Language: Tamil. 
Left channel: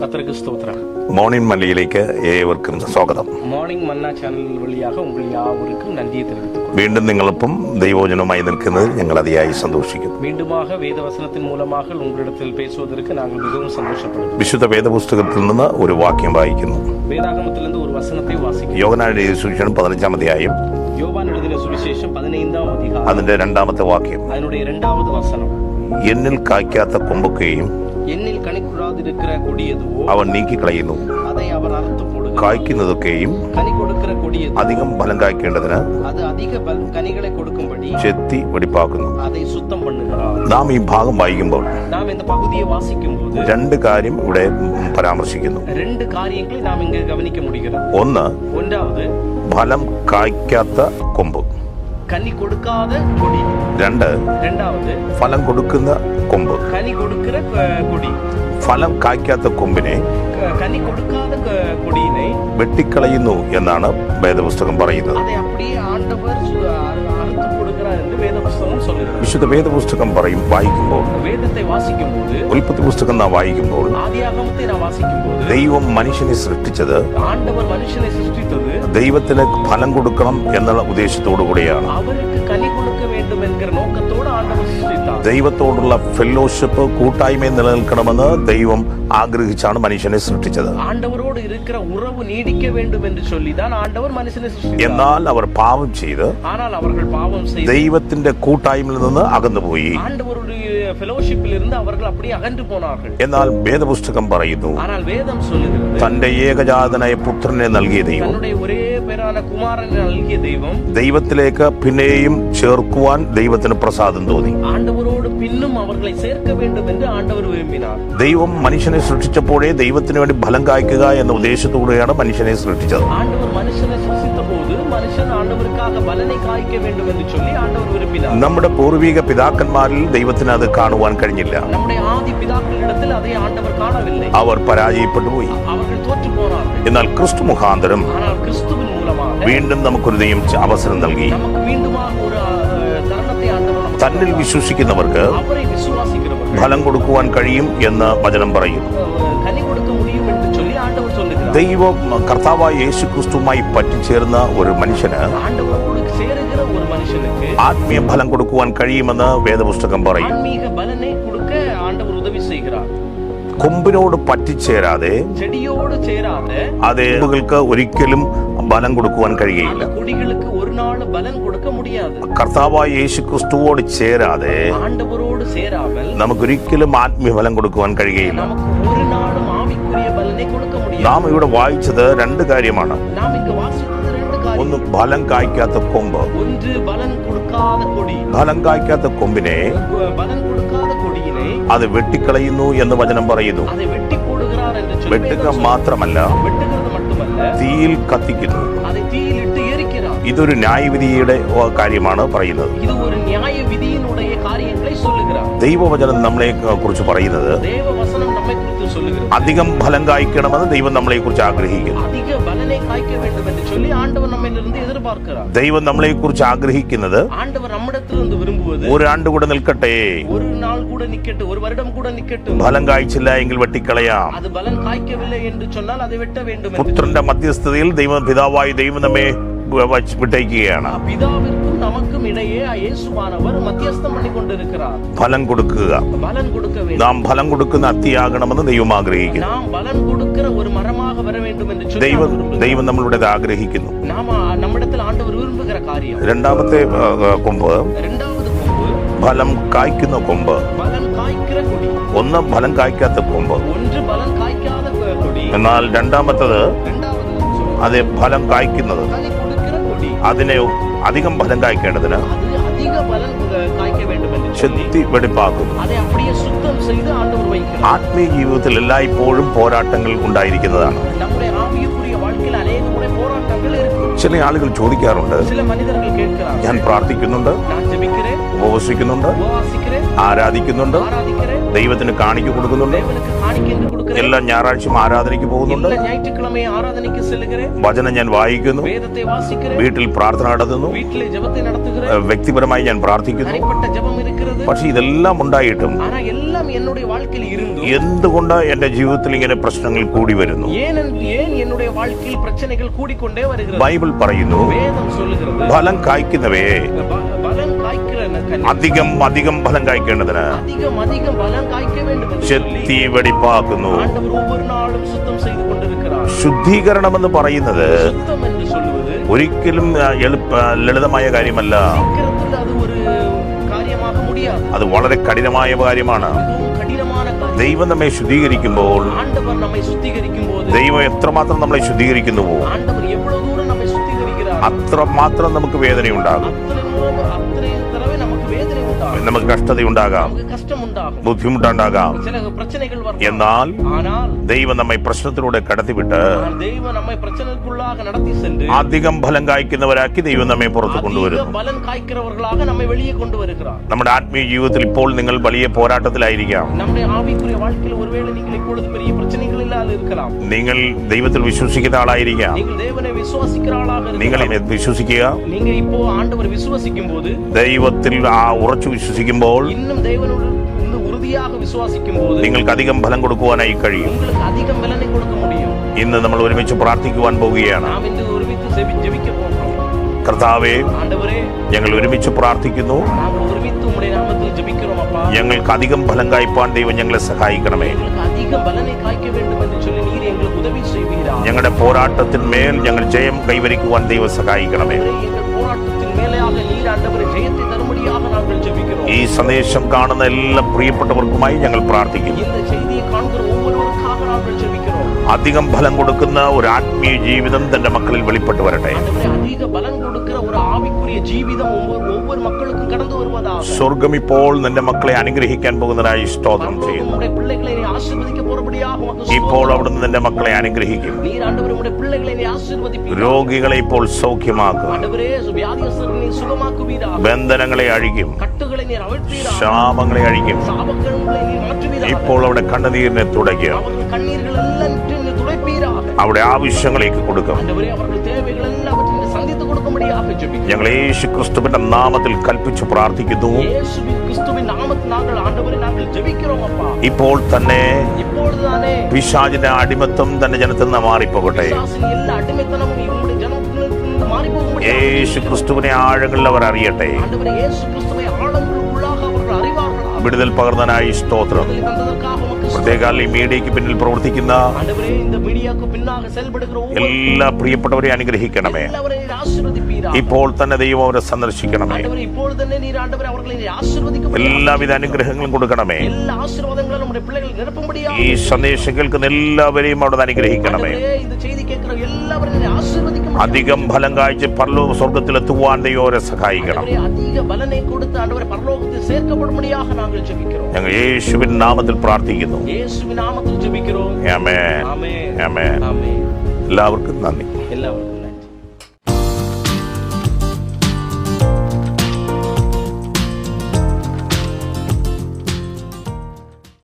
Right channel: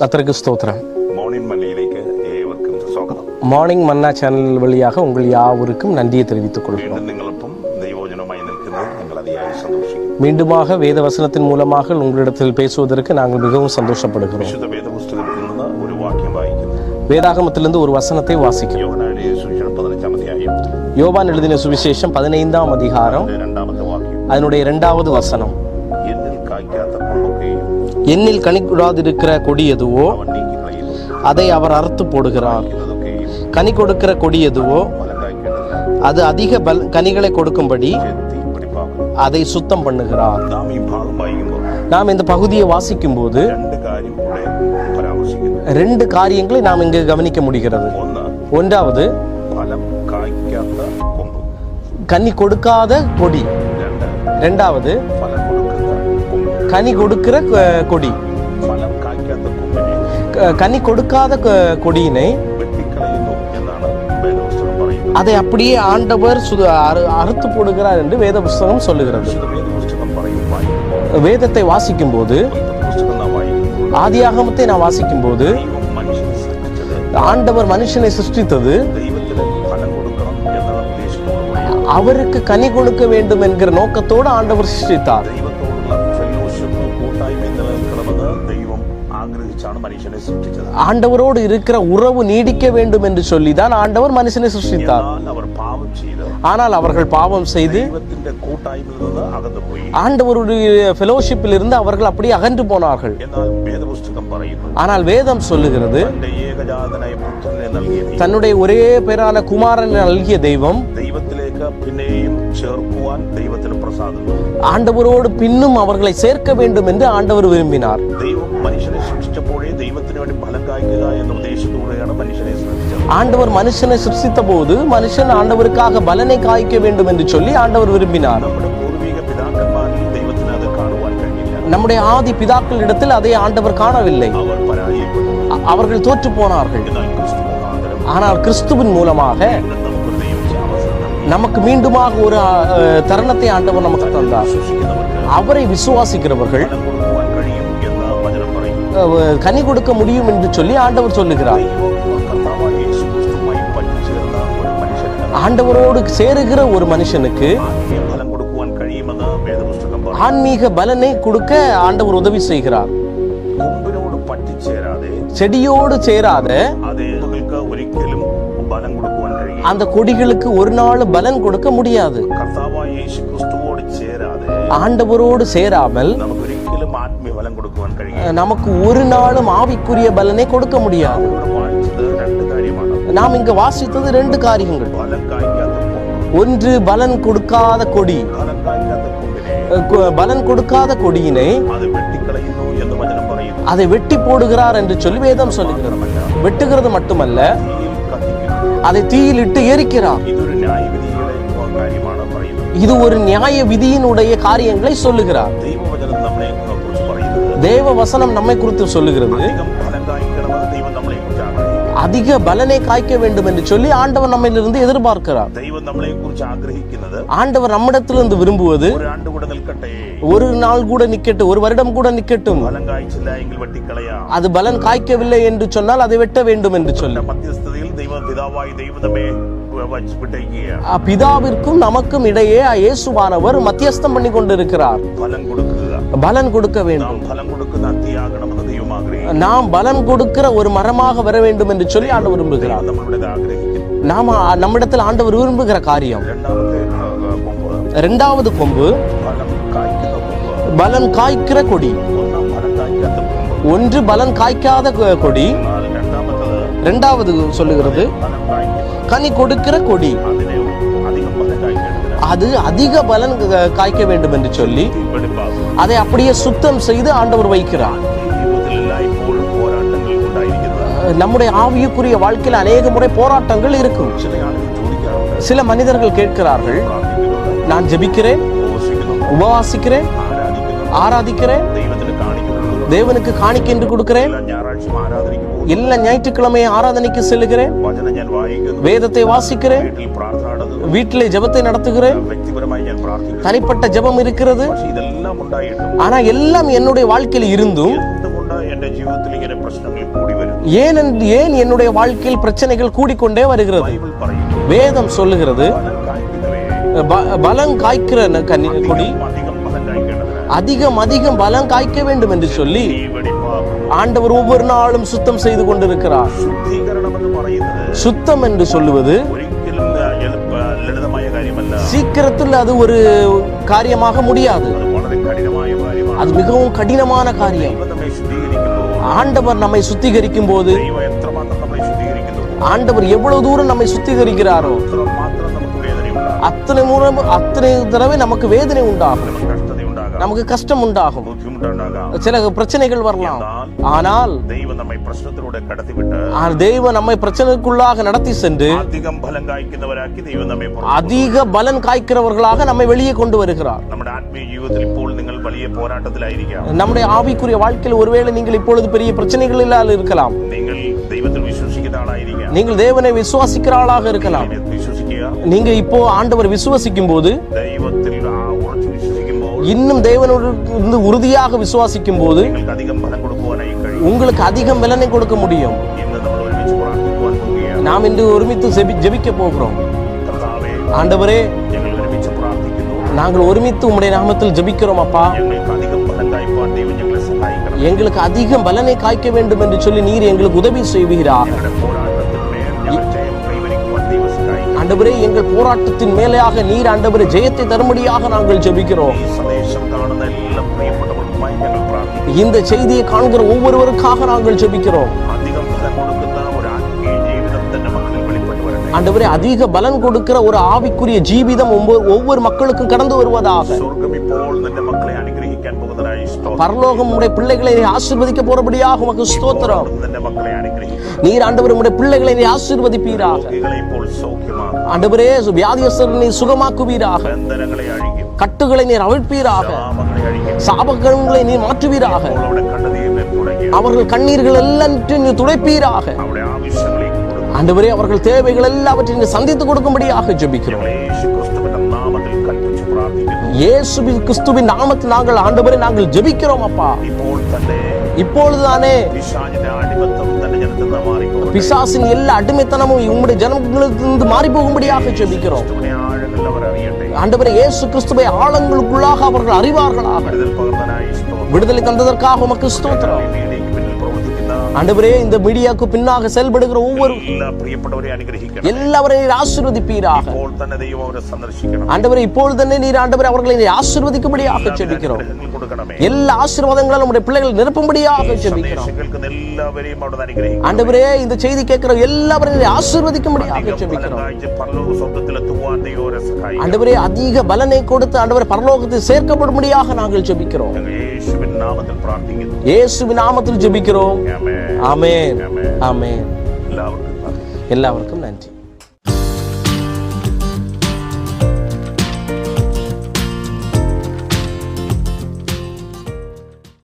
கர்த்தருக்கு ஸ்தோத்திரம். മോർണിംഗ് മല്ലയിലേക്ക് ഏവർക്കും സ്വാഗതം. മോർണിംഗ് മന്ന ചാനൽ വഴിயாக உங்கள் யாவருக்கும் நன்றியை தெரிவித்துக் கொள்கிறேன். വീണ്ടും നിങ്ങളൊപ്പം ദൈവവചനവുമായി നിൽക്കുന്നതിൽ ഞങ്ങൾ അതിയായി സന്തോഷിക്കുന്നു. மீண்டுமாக வேத வசனத்தின் மூலமாக உங்களிடத்தில் பேசுவதற்கு நாங்கள் மிகவும் சந்தோஷப்படுகிறோம். വിശുദ്ധ വേദപുസ്തകത്തിൽ നിന്ന് ഒരു വാക്യം വായിക്കുന്നു. வேதாகமத்திலிருந்து ஒரு வசனத்தை வாசிக்கிறோம். യോഹന്നാൻ എഴുതിയ സുവിശേഷം 15-ാം അധ്യായം. யோவான் எழுதின சுவிசேஷம் 15-ாம் அதிகாரம். അതിന്റെ 2ാമത്തെ വാക്യം. அதனுடைய 2வது வசனம். എന്നിൽ കായ്ക്കാത്ത കൊമ്പൊക്കെയും என்னில் கனி கூடாதிருக்கிற கொடி எதுவோ അവൻ നീക്കിക്കളയുന്നു, அதை அவர் அறுத்து போடுகிறார். കായ്ക്കുന്നതൊക്കെയും கனி கொடுக்கிற கொடி எதுவோ അധികം ഫലം കായ്ക്കേണ്ടതിന് அது அதிக கனிகளை கொடுக்கும்படி ചെത്തി വെടിപ്പാക്കുന്നു. அதை சுத்தம் பண்ணுகிறார். നാം ഈ ഭാഗം വായിക്കുമ്പോൾ நாம் இந்த பகுதியை வாசிக்கும் போது രണ്ട് കാര്യം ഇവിടെ പരാമർശിക്കുന്നു. 2 காரியங்களை நாம் இங்கு கவனிக்க முடிகிறது. ஒன்றாவது ഫലം കായ്ക്കാത്ത കൊമ്പ്, கனி கொடுக்காத கொடி. ரெண்டாவது ഫലം കൊടുക്കുന്ന കൊമ്പ്. கனி கொடுக்கிற கொடி. ഫലം കായ്ക്കാത്ത കൊമ്പിനെ, கனி கொடுக்காத கொடியினை വെട്ടിക്കളയുന്നു എന്നാണ് വേദപുസ്തകം പറയുന്നത്. அதை அப்படியே ஆண்டவர் அறுத்து போடுகிறார் என்று வேத புஸ்தகம் சொல்லுகிறது. വിശുദ്ധ വേദപുസ്തകം വായിക്കുമ്പോൾ, வேதத்தை வாசிக்கும் போது, ഉൽപ്പത്തി പുസ്തകം നാം വായിക്കുമ്പോൾ, ஆதியாகமத்தை நான் வாசிக்கும் போது, ദൈവം മനുഷ്യനെ സൃഷ്ടിച്ചത്, ஆண்டவர் மனுஷனை சிருஷ்டித்தது ദൈവത്തിന് ഫലം കൊടുക്കണം എന്നുള്ള ഉദ്ദേശത്തോടു കൂടിയാണ്. அவருக்கு கனி கொடுக்க வேண்டும் என்கிற நோக்கத்தோடு ஆண்டவர் சிருஷ்டித்தார். ദൈവത്തോടുള്ള ഫെലോഷിപ്പ്, കൂട്ടായ്മ നിലനിൽക്കണമെന്ന് ദൈവം ആഗ്രഹിച്ചാണ് മനുഷ്യനെ സൃഷ്ടിച്ചത്. ஆண்டவரோடு இருக்கிற உறவு நீடிக்க வேண்டும் என்று சொல்லிதான் ஆண்டவர் மனுஷனை சிருஷ்டித்தார். എന്നാൽ അവർ പാപം ചെയ്ത്, ஆனால் அவர்கள் பாவம் செய்து ദൈവത്തിന്റെ കൂട്ടായ്മയിൽ നിന്ന് അകന്നുപോയി. ஆண்டவருடைய ஃபெலோஷிப்பில் இருந்து அவர்கள் அப்படியே அகன்று போனார்கள். എന്നാൽ വേദപുസ്തകം പറയുന്നു, ஆனால் வேதம் சொல்லுகிறது, തന്റെ ഏകജാതനായ പുത്രനെ നൽകിയ ദൈവം, தன்னுடைய ஒரே பேரான குமாரனை നൽകിய தெய்வம், ദൈവത്തിലേക്ക് പിന്നെയും ചേർക്കുവാൻ ദൈവത്തിന് പ്രസാദം തോന്നി. ஆண்டவரோடு பின்னும் அவர்களை சேர்க்க வேண்டும் என்று ஆண்டவர் விரும்பினார். ദൈവം മനുഷ്യനെ സൃഷ്ടിച്ചപ്പോഴേ ദൈവത്തിന് വേണ്ടി ഫലം കായ്ക്കുക എന്ന ഉദ്ദേശത്തോടെയാണ് മനുഷ്യനെ സൃഷ്ടിച്ചത്. ஆண்டவர் மனுஷனை சிருஷ்டித்த போது மனுஷன் ஆண்டவருக்காக பலனை காய்க்க வேண்டும் என்று சொல்லி ஆண்டவர் விரும்பினார். നമ്മുടെ പൂർവിക പിതാക്കന്മാരിൽ ദൈവത്തിന് അത് കാണുവാൻ കഴിഞ്ഞില്ല. நம்முடைய ஆதி பிதாக்களிடத்தில் அதை ஆண்டவர் காணவில்லை. അവർ പരാജയപ്പെട്ടു പോയി. அவர்கள் தோற்று போனார்கள். എന്നാൽ ക്രിസ്തു മുഖാന്തരം, ஆனால் கிறிஸ்துவின் மூலமாக വീണ്ടും നമുക്കൊരു ദൈവം അവസരം നൽകി. நமக்கு மீண்டுமாக ஒரு தருணத்தை ஆண்டவர் நமக்கு തന്നിൽ വിശ്വസിക്കുന്നവർക്ക്, அவரை விசுவாசிக்கிறவர்கள் ഫലം കൊടുക്കുവാൻ കഴിയും എന്ന് വചനം പറയും. கனி கொடுக்க முடியும் என்று சொல்லி ஆண்டவர் சொல்லுகிறார். ദൈവം കർത്താവായ യേശു ക്രിസ്തുവുമായി പറ്റിച്ചേർന്ന ഒരു മനുഷ്യന്, ஆண்டவரோடு சேருகிற ஒரு மனுஷனுக்கு ആത്മീയ ഫലം കൊടുക്കുവാൻ കഴിയുമെന്ന് വേദപുസ്തകം പറയും. ஆன்மீக பலனை கொடுக்க ஆண்டவர் உதவி செய்கிறார். കൊമ്പിനോട് പറ്റിച്ചേരാതെ, செடியோடு சேராத അതുകൾക്ക് ഒരിക്കലും ബലം കൊടുക്കുവാൻ കഴിയില്ല. அந்த கொடிகளுக்கு ஒரு நாள் பலன் கொடுக்க முடியாது. കർത്താവായ യേശു ക്രിസ്തുവോട് ചേരാതെ, ஆண்டவரோடு சேராமல் നമുക്കൊരിക്കലും ആത്മീയ ഫലം കൊടുക്കുവാൻ കഴിയില്ല. நமக்கு ஒரு நாளும் ஆவிக்குரிய பலனை கொடுக்க முடியாது. നാം ഇവിടെ വായിച്ചത് 2 കാര്യമാണ്. நாம் இங்க வாசித்தது 2 காரியங்கள். ഫലം കായ്ക്കാത്ത കൊമ്പ്. ஒன்று பலன் கொடுக்காத கொடி. ഫലം കായ്ക്കാത്ത കൊമ്പിനെ, பலன் கொடுக்காத கொடியினை അത് വെട്ടിക്കളയുന്നു എന്ന് വചനം പറയുന്നു. அதை வெட்டி போடுகிறார் என்று சொல்லி வேதம் சொல்லுகிறது. മാത്രമല്ല, வெட்டுகிறது மட்டுமல்ல, തീയിൽ കത്തിക്കുന്നു. அதை தீயிலிட்டு எரிக்கிறார். ഇതൊരു ന്യായവിധിയുടെ കാര്യമാണ് പറയുന്നത്. இது ஒரு நியாய விதியினுடைய காரியங்களை சொல்லுகிறார். ദൈവവചനം നമ്മളെ കുറിച്ച് പറയുന്നത്, தேவ வசனம் நம்மை குறித்து சொல்லுகிறது, അധികം ഫലം കായ്ക്കണമെന്ന് ദൈവം നമ്മളെ കുറിച്ച് ആഗ്രഹിക്കുന്നു. அதிக பலனை காய்க்க வேண்டும் என்று சொல்லி ஆண்டவர் நம்மிலிருந்து எதிர்பார்க்கிறார். ദൈവം നമ്മളെ കുറിച്ച് ആഗ്രഹിക്കുന്നത്, ஆண்டவர் நம்மிடத்திலிருந்து விரும்புவது, ഒരു ആണ്ട് കൂടെ നിൽക്കട്ടെ, ஒரு நாள் கூட நிக்கட்டும், ஒரு வருடம் கூட நிக்கட்டும், ഫലം കായ്ച്ചില്ല എങ്കിൽ വെട്ടിക്കളയാം. அது பலன் காய்க்கவில்லை என்று சொன்னால் அதை வெட்ட வேண்டும் என்று പുത്രന്റെ മധ്യസ്ഥതയിൽ പിതാവായ ദൈവം നമ്മെ വിട്ടയക്കുകയാണ്. பிதாவிற்கும் நமக்கும் இடையே இயேசுவானவர் மத்தியஸ்தம் பண்ணி கொண்டிருக்கிறார். ഫലം കൊടുക്കുക, பலன் கொடுக்க வேண்டும். നാം ഫലം കൊടുക്കുന്ന അത്തിയാകണമെന്ന് ദൈവം ആഗ്രഹിക്കുന്നു. நாம் பலன் கொடுக்கிற ஒரு மரமாக வர வேண்டும் என்று சொல்லி ஆண்டவர் விரும்புகிறார். ദൈവം നമ്മളുടെ ആഗ്രഹിക്കുന്നു. நாம நம்மிடத்தில் ஆண்டவர் விரும்புகிற காரியம். രണ്ടാമത്തെ കൊമ്പ്, 2வது கொம்பு, ഫലം കായ്ക്കുന്ന കൊമ്പ്. பலன் காய்க்கிற கொடி. ഒന്ന് ഫലം കായ്ക്കാത്ത കൊമ്പ്, ஒன்று பலன் காய்க்காத கொடி. എന്നാൽ രണ്ടാമത്തത്, 2வது சொல்லுகிறது, അത് ഫലം കായ്ക്കുന്നത്, கனி கொடுக்கிற கொடி. അതിനെ അധികം ഫലം കായ്ക്കേണ്ടതിന്, அது அதிக பலன் காய்க்க வேண்டும் என்று சொல்லி വെടിപ്പാക്കും. அதை அப்படியே சுத்தம் செய்து ஆண்டவர் வைக்கிறார். ആത്മീയ ജീവിതത്തിൽ എല്ലായ്പ്പോഴും പോരാട്ടങ്ങൾ ഉണ്ടായിരിക്കുന്നതാണ്. நம்முடைய ஆவிக்குரிய வாழ்க்கையில் அநேக முறை போராட்டங்கள் இருக்கும். ചില ആളുകൾ ചോദിക്കാറുണ്ട്, சில மனிதர்கள் ഞാൻ கேட்கிறார்கள், പ്രാർത്ഥിക്കുന്നുണ്ട്, நான் ஜெபிக்கிறேன், ഉപവസിക്കുന്നുണ്ട്, உபவாசிக்கிறேன், ആരാധിക്കുന്നുണ്ട്, ஆராதிக்கிறேன், ദൈവത്തിന് കാണിക്കു കൊടുക്കുന്നുണ്ട്, தேவனுக்கு காணிக்கை என்று கொடுக்கிறேன். എല്ലാ ഞായറാഴ്ചയും ആരാധനയ്ക്ക് പോകുന്നു. எல்லா ஞாயிற்றுக்கிழமையும் ஆராதனைக்கு செல்லுகிறேன். വചനം ഞാൻ വായിക്കുന്നു. வேதத்தை வாசிக்கிறேன். വീട്ടിൽ പ്രാർത്ഥന നടത്തുന്നു. வீட்டிலே ஜெபத்தை நடத்துகிறேன். വ്യക്തിപരമായി ഞാൻ പ്രാർത്ഥിക്കുന്നു. தனிப்பட்ட ஜெபம் இருக்கிறது. പക്ഷെ ഇതെല്ലാം ഉണ്ടായിട്ടും ஆனா எல்லாம் என்னுடைய வாழ்க்கையில் இருந்தும் എന്തുകൊണ്ട് എന്റെ ജീവിതത്തിൽ ഇങ്ങനെ പ്രശ്നങ്ങൾ കൂടി വരുന്നു? ஏன் என்னுடைய வாழ்க்கையில் பிரச்சனைகள் கூடிக்கொண்டே வருகிறது? ബൈബിൾ പറയുന്നു, வேதம் சொல்லுகிறது, ഫലം കായ്ക്കുന്നവയെ பலன் காய்க்கிற അധികം അധികം ഫലം കായ്ക്കേണ്ടതിന് அதிகம் பலன் காய்க்க வேண்டும் என்று சொல்லி ചെത്തി വെടിപ്പാക്കുന്നു. ஆண்டவர் ஒவ்வொரு நாளும் சுத்தம் செய்து கொண்டிருக்கிறார். ശുദ്ധീകരണം എന്ന് പറയുന്നത് சுத்தம் என்று சொல்லுவது ഒരിക്കലും ലളിതമായ കാര്യമല്ല. சீக்கிரத்தில் அது ஒரு காரியமாக முடியாது. அது വളരെ കഠിനമായ കാര്യമാണ്. அது மிகவும் கடினமான காரியம். ദൈവം നമ്മെ ശുദ്ധീകരിക്കുമ്പോൾ, ஆண்டவர் நம்மை சுத்திகரிக்கும் போது, ദൈവം എത്രമാത്രം നമ്മളെ ശുദ്ധീകരിക്കുന്നുവോ, ஆண்டவர் எவ்வளவு தூரம் நம்மை சுத்திகரிக்கிறார், അത്രമാത്രം നമുക്ക് വേദനയുണ്ടാകും. அத்தனை தடவை நமக்கு வேதனை உண்டாகும், നമുക്ക് കഷ്ടതയുണ്ടാകാം, நமக்கு கஷ்டம் உண்டாகும், ബുദ്ധിമുട്ടുണ്ടാകാം, சில பிரச்சனைகள் வரலாம். എന്നാൽ ஆனால் ദൈവം നമ്മെ പ്രശ്നത്തിലൂടെ കടത്തിവിട്ട് தெய்வம் நம்மை பிரச்சனைக்குள்ளாக நடத்தி சென்று അധികം ഫലം കായ്ക്കുന്നവരാക്കി ദൈവം നമ്മെ പുറത്തു அதிக பலன் காய்க்கிறவர்களாக நம்மை வெளியே கொண்டு வருகிறார். നമ്മുടെ ആത്മീയ ജീവിതത്തിൽ ഇപ്പോൾ നിങ്ങൾ വലിയ പോരാട്ടത്തിലായിരിക്കാം. நம்முடைய ஆவிக்குரிய வாழ்க்கையில் ஒருவேளை நீங்கள் இப்பொழுது பெரிய பிரச்சனைகளில் இருக்கலாம். നിങ്ങൾ ദൈവത്തിൽ വിശ്വസിക്കുന്ന ആളായിരിക്കാം. நீங்கள் தேவனை விசுவாசிக்கிற ஆளாக இருக்கலாம். നിങ്ങൾ വിശ്വസിക്കുക. நீங்க இப்போ ஆண்டவர் விசுவாசிக்கும் போது, ദൈവത്തിൽ ഉറച്ചു വിശ്വസിക്കുമ്പോൾ, இன்னும் தேவனோடு இருந்து உறுதியாக விசுவாசிக்கும் போது നിങ്ങൾക്ക് അധികം ഫലം കൊടുക്കുവാനായി കഴിയും. உங்களுக்கு அதிகம் பலனை கொடுக்க முடியும். ഇന്ന് നമ്മൾ ഒരുമിച്ച് പ്രാർത്ഥിക്കുവാൻ പോവുകയാണ്. நாம் இன்று ஒருமித்து ஜெபிக்க போகிறோம். കർത്താവേ, ஆண்டவரே, ഞങ്ങൾ ഒരുമിച്ച് പ്രാർത്ഥിക്കുന്നു. நாங்கள் ஒருமித்து உம்முடைய நாமத்தில் ஜெபிக்கிறோம் அப்பா. ഞങ്ങൾക്ക് അധികം ഫലം കായ്പാൻ ദൈവം ഞങ്ങളെ സഹായിക്കണം. எங்களுக்கு அதிகம் பலனை காய்க்க வேண்டும் என்று சொல்லி நீர் எங்களுக்கு உதவி செய்வீரார். ഞങ്ങളുടെ പോരാട്ടത്തിന്മേൽ ഞങ്ങൾ ജയം കൈവരിക്കുവാൻ ദൈവം സഹായിക്കണം. ஆண்டவரே, எங்கள் போராட்டத்தின் மேலேயாக நீர் ஆண்டவரே ஜெயத்தை தரும்படியாக நாங்கள் ஜெபிக்கிறோம். ഈ സന്ദേശം കാണുന്ന എല്ലാ പ്രിയപ്പെട്ടവർക്കുമായി ഞങ്ങൾ പ്രാർത്ഥിക്കുന്നു. இந்த செய்தியை காண்கிற ஒவ்வொருவருக்காக நாங்கள் ஜெபிக்கிறோம். അധികം ഫലം കൊടുക്കുന്ന ഒരു ആത്മീയ ജീവിതം തന്റെ മക്കളിൽ വെളിപ്പെട്ടു വരട്ടെ. ஆண்டவரே, அதிக பலன் கொடுக்கிற ஒரு ஆவிக்குரிய ஜீவிதம் ஒவ்வொரு மக்களுக்கும் கடந்து வருவதாக. സ്വർഗ്ഗം ഇപ്പോൾ നിന്റെ മക്കളെ അനുഗ്രഹിക്കാൻ പോകുന്നതായി സ്തോത്രം. பரலோகம் உம்முடைய பிள்ளைகளை ஆசீர்வதிக்க போறபடியாக உமக்கு ஸ்தோத்திரம். നിന്റെ മക്കളെ അനുഗ്രഹിക്കും. நீர் ஆண்டவரே உம்முடைய பிள்ளைகளை ஆசீர்வதிப்பீராக. രോഗികളെ ഇപ്പോൾ സൗഖ്യമാക്കും. ஆண்டவரே, வியாதியஸ்தரை நீர் சுகமாக்குவீராக. ബന്ധനങ്ങളെ അഴിക്കും. கட்டுகளை நீர் அவிழ்ப்பீராக. ശാപങ്ങളെ അഴിക്കും. சாபக்கடங்களை நீர் மாற்றுவீராக. ഇപ്പോൾ അവിടെ കണ്ണുനീരിനെ തുടയ്ക്കും. அவர்கள் கண்ணீர்கள் எல்லாவற்றையும் நீர் துடைப்பீராக. അവിടെ ആവശ്യങ്ങളേക്ക് കൊടുക്കും. ஆண்டவரே, அவர்கள் தேவைகள் எல்லாவற்றையும் நீர் சந்தித்து கொடுக்கும்படியாக ஜெபிக்கிறோம். ഞങ്ങൾ യേശു ക്രിസ്തുവിന്റെ നാമത്തിൽ കൽപ്പിച്ചു പ്രാർത്ഥിക്കുന്നു. இயேசுவின் கிறிஸ்துவின் நாமத்தில் நாங்கள் ஆண்டவரே நாங்கள் ஜெபிக்கிறோம் அப்பா. ഇപ്പോൾ തന്നെ இப்பொழுதுதானே പിശാചിന്റെ അടിമത്തം തന്റെ ജനത്തിൽ നിന്ന് മാറിപ്പോകട്ടെ. பிசாசின் எல்லா அடிமைத்தனமும் உம்முடைய ஜனங்களிலிருந்து மாறி போகும்படியாக യേശു ஜெபிக்கிறோம். ക്രിസ്തുവിനെ ആഴങ്ങളിൽ അവർ അറിയട്ടെ. ஆண்டவரே, இயேசு கிறிஸ்துவை ஆழங்களுக்குள்ளாக அவர்கள் அறிவார்களாக. വിടുതൽ പകർന്നതിനായി സ്തോത്രം. விடுதலை தந்ததற்காக உமக்கு ஸ்தோத்திரம். ഈ മീഡിയയ്ക്ക് പിന്നിൽ പ്രവർത്തിക്കുന്ന ஆண்டவரே, இந்த மீடியாக்கு பின்னாக செயல்படுகிற ஒவ்வொரு എല്ലാ പ്രിയപ്പെട്ടവരെ അനുഗ്രഹിക്കണമേ. எல்லாவரையும் நீர் ஆசீர்வதிப்பீராக. ഇപ്പോൾ തന്നെ ദൈവം അവരെ സന്ദർശിക്കണം. ஆண்டவரே, இப்பொழுது തന്നെ நீர் ஆண்டவரே அவர்களை ஆசீர்வதிக்கும்படியாக എല്ലാവിധ ஜெபிக்கிறோம். അനുഗ്രഹങ്ങളും കൊടുക്കണമേ. எல்லா ஆசீர்வாதங்களும் நம்முடைய பிள்ளைகள் நிரப்பும்படியாக ഈ ஜெபிக்கிறோம். സന്ദേശം കേൾക്കുന്ന എല്ലാവരെയും അവിടെ അനുഗ്രഹിക്കണമേ. ஆண்டவரே, இந்த செய்தி கேட்கிற எல்லாவரையும் ஆசீர்வதிக்கும்படியாக അധികം ഫലം ஜெபிக்கிறோம். കാഴ്ച പരലോക സ്വർഗ്ഗത്തിലെത്തുവാൻ ദൈവം അവരെ സഹായിക്കണം. ஆண்டவரே, அதிக பலனை கொடுத்து ஆண்டவரே பரலோகத்தில் சேர்க்கப்படும்படியாக நாங்கள் ஜெபிக்கிறோம். ഞങ്ങൾ യേശുവിൻ നാമത്തിൽ പ്രാർത്ഥിക്കുന്നു. இயேசுவின் நாமத்தில் ஜெபிக்கிறோம். ആമേൻ. ஆமென். ആമേൻ. ஆமென். എല്ലാവർക്കും നന്ദി. எல்லாருக்கும் நன்றி.